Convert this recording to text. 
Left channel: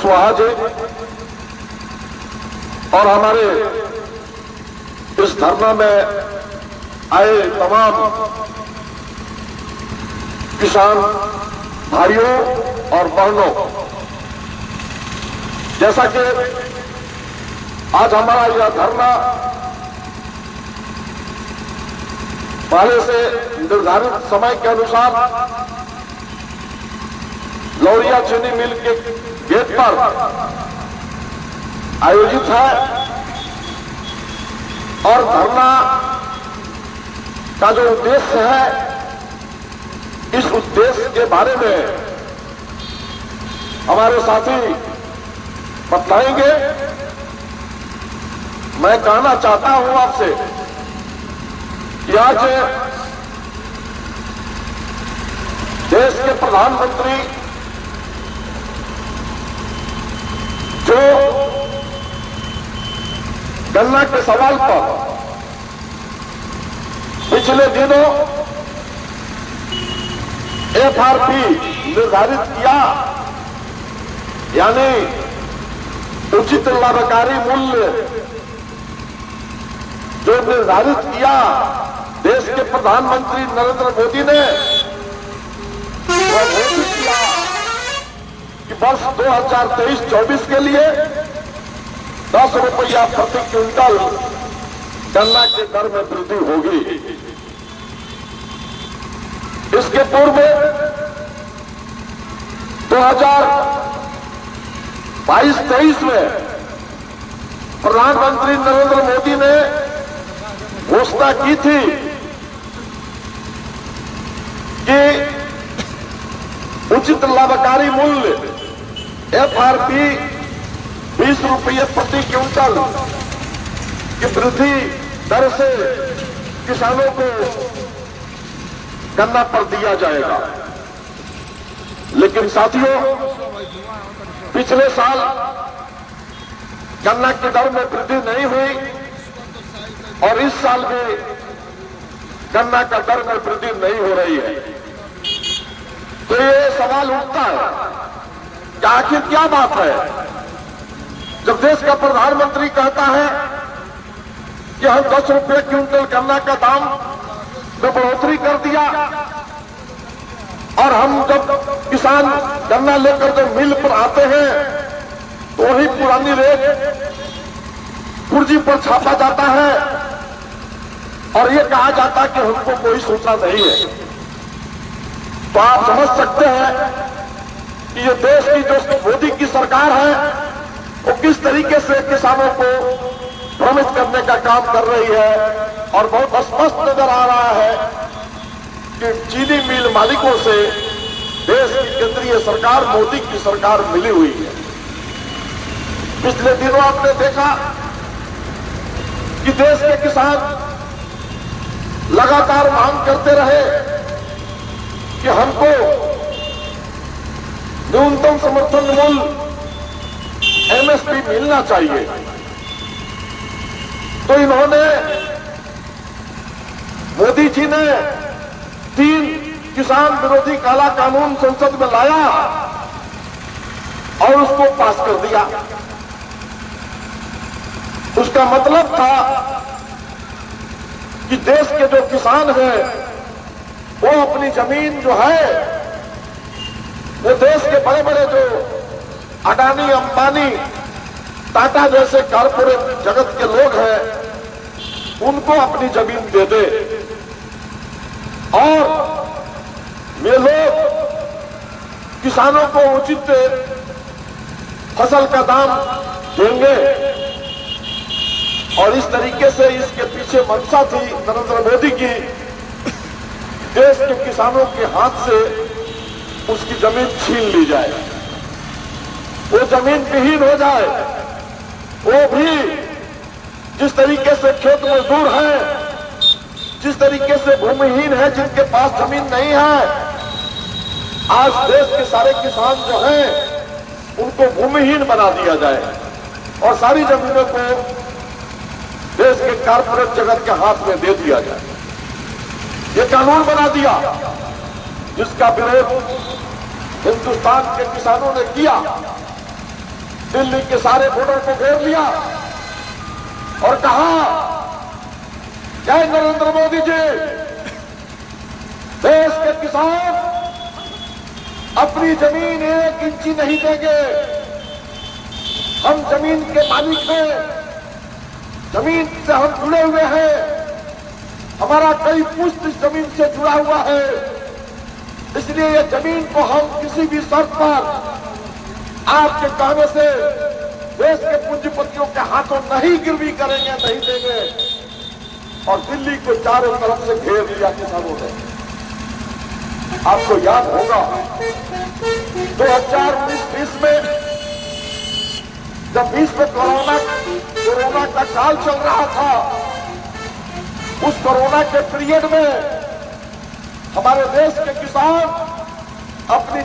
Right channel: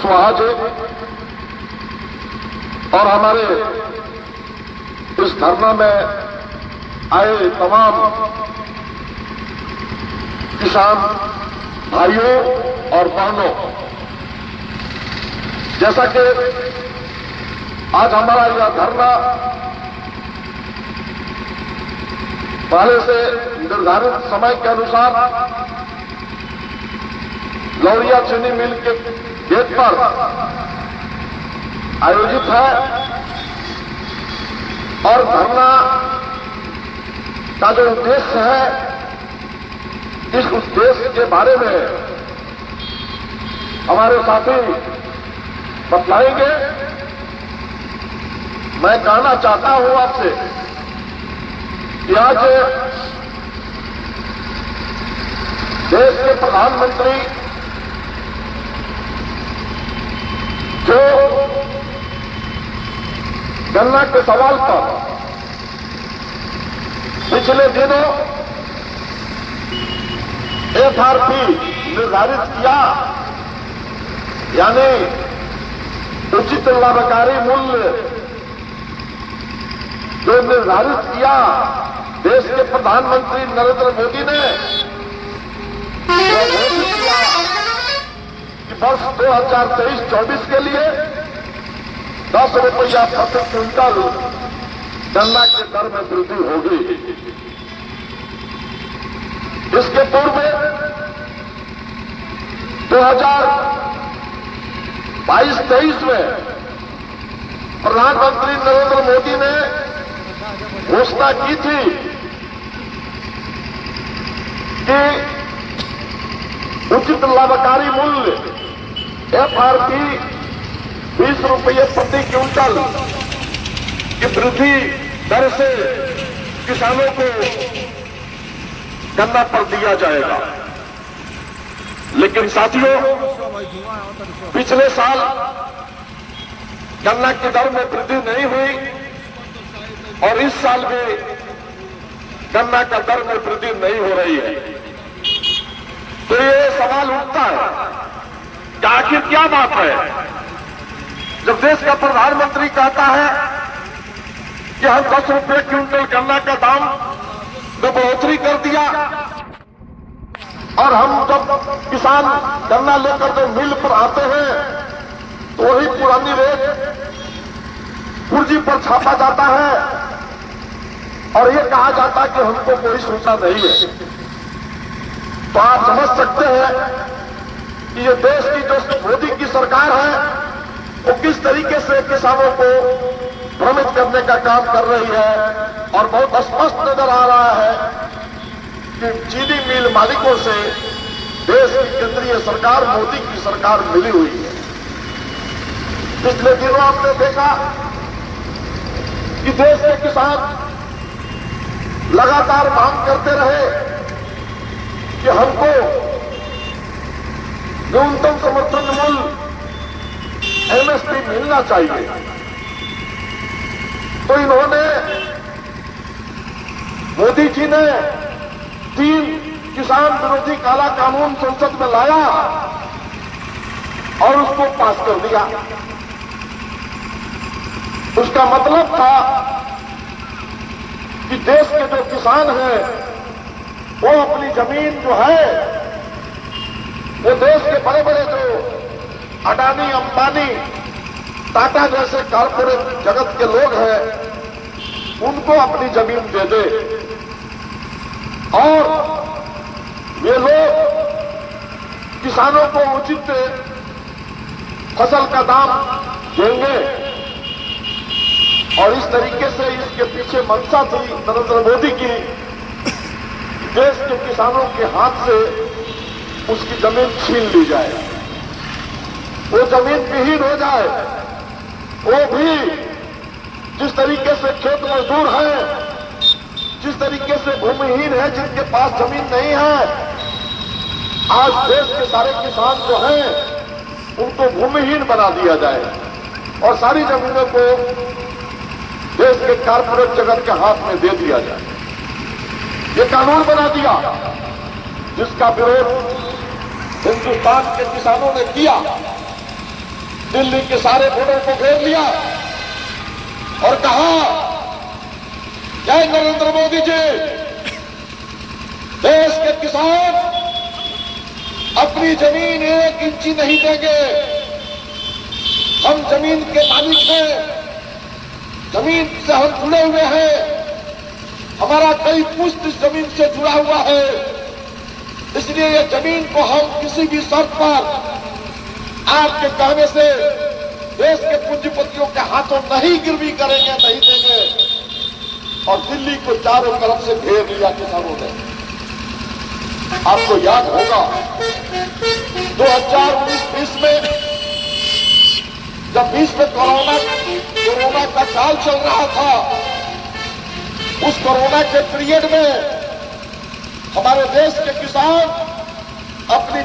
कुशवाहा जी और हमारे इस धरना में आए तमाम किसान भाइयों और बहनों, जैसा कि आज हमारा यह धरना पहले से निर्धारित समय के अनुसार लौरिया चीनी मिल के गेट पर आयोजित है और धरना का जो उद्देश्य है, इस उद्देश्य के बारे में हमारे साथी बताएंगे। मैं कहना चाहता हूं आपसे कि आज देश के प्रधानमंत्री जो गन्ना के सवाल पर पिछले दिनों एफआरपी निर्धारित किया, यानी उचित लाभकारी मूल्य जो निर्धारित किया देश के प्रधानमंत्री नरेंद्र मोदी ने, घोषित किया कि वर्ष 2023-24 के लिए 10 रुपया प्रति क्विंटल गन्ना के दर में वृद्धि होगी। इसके पूर्व 2022-23 में प्रधानमंत्री नरेंद्र मोदी ने घोषणा की थी कि उचित लाभकारी मूल्य एफआरपी 20 रुपये प्रति क्विंटल की वृद्धि दर से किसानों को गन्ना पर दिया जाएगा। लेकिन साथियों, पिछले साल गन्ना की दर में वृद्धि नहीं हुई और इस साल भी गन्ना का दर में वृद्धि नहीं हो रही है। तो ये सवाल उठता है कि आखिर क्या बात है, जब देश का प्रधानमंत्री कहता है कि हम 10 रुपये क्विंटल गन्ना का दाम में बढ़ोतरी कर दिया और हम जब किसान गन्ना लेकर जब मिल पर आते हैं तो वही पुरानी रेट कुर्जी पर छापा जाता है और ये कहा जाता कि हमको कोई सूचना नहीं है। तो आप समझ सकते हैं कि ये देश की जो मोदी की सरकार है वो किस तरीके से किसानों को भ्रमित करने का काम कर रही है। और बहुत स्पष्ट नजर आ रहा है कि चीनी मिल मालिकों से देश की केंद्रीय सरकार, मोदी की सरकार मिली हुई है। पिछले दिनों आपने देखा कि देश के किसान लगातार मांग करते रहे कि हमको न्यूनतम समर्थन मूल्य एमएसपी मिलना चाहिए। तो इन्होंने, मोदी जी ने 3 किसान विरोधी काला कानून संसद में लाया और उसको पास कर दिया। उसका मतलब था कि देश के जो किसान हैं वो अपनी जमीन जो है, वो देश के बड़े बड़े जो अडानी, अंबानी, टाटा जैसे कारपोरेट जगत के लोग हैं उनको अपनी जमीन दे दे और ये लोग किसानों को उचित फसल का दाम देंगे। और इस तरीके से इसके पीछे मंशा थी नरेंद्र मोदी की, देश के किसानों के हाथ से उसकी जमीन छीन ली जाए, वो जमीन विहीन हो जाए। वो भी जिस तरीके से खेत मजदूर हैं, जिस तरीके से भूमिहीन है, जिनके पास जमीन नहीं है, आज देश के सारे किसान जो हैं उनको भूमिहीन बना दिया जाए और सारी जमीनों को देश के कारपोरेट जगत के हाथ में दे दिया जाए। ये कानून बना दिया जिसका विरोध हिंदुस्तान के किसानों ने किया दिल्ली के सारे वोटरों को घेर लिया और कहा, जय नरेंद्र मोदी जी, देश के किसान अपनी जमीन 1 इंची नहीं देंगे। हम जमीन के मालिक हैं, जमीन से हम जुड़े हुए हैं, हमारा कई पुश्त इस जमीन से जुड़ा हुआ है, इसलिए ये जमीन को हम किसी भी शर्त पर आपके कहने से देश के पूंजीपतियों के हाथों नहीं गिरवी करेंगे, नहीं देंगे। और दिल्ली को चारों तरफ से घेर लिया किसानों ने। आपको याद होगा 2019-20 में जब विश्व कोरोना का काल चल रहा था, उस कोरोना के पीरियड में हमारे देश के किसान अपनी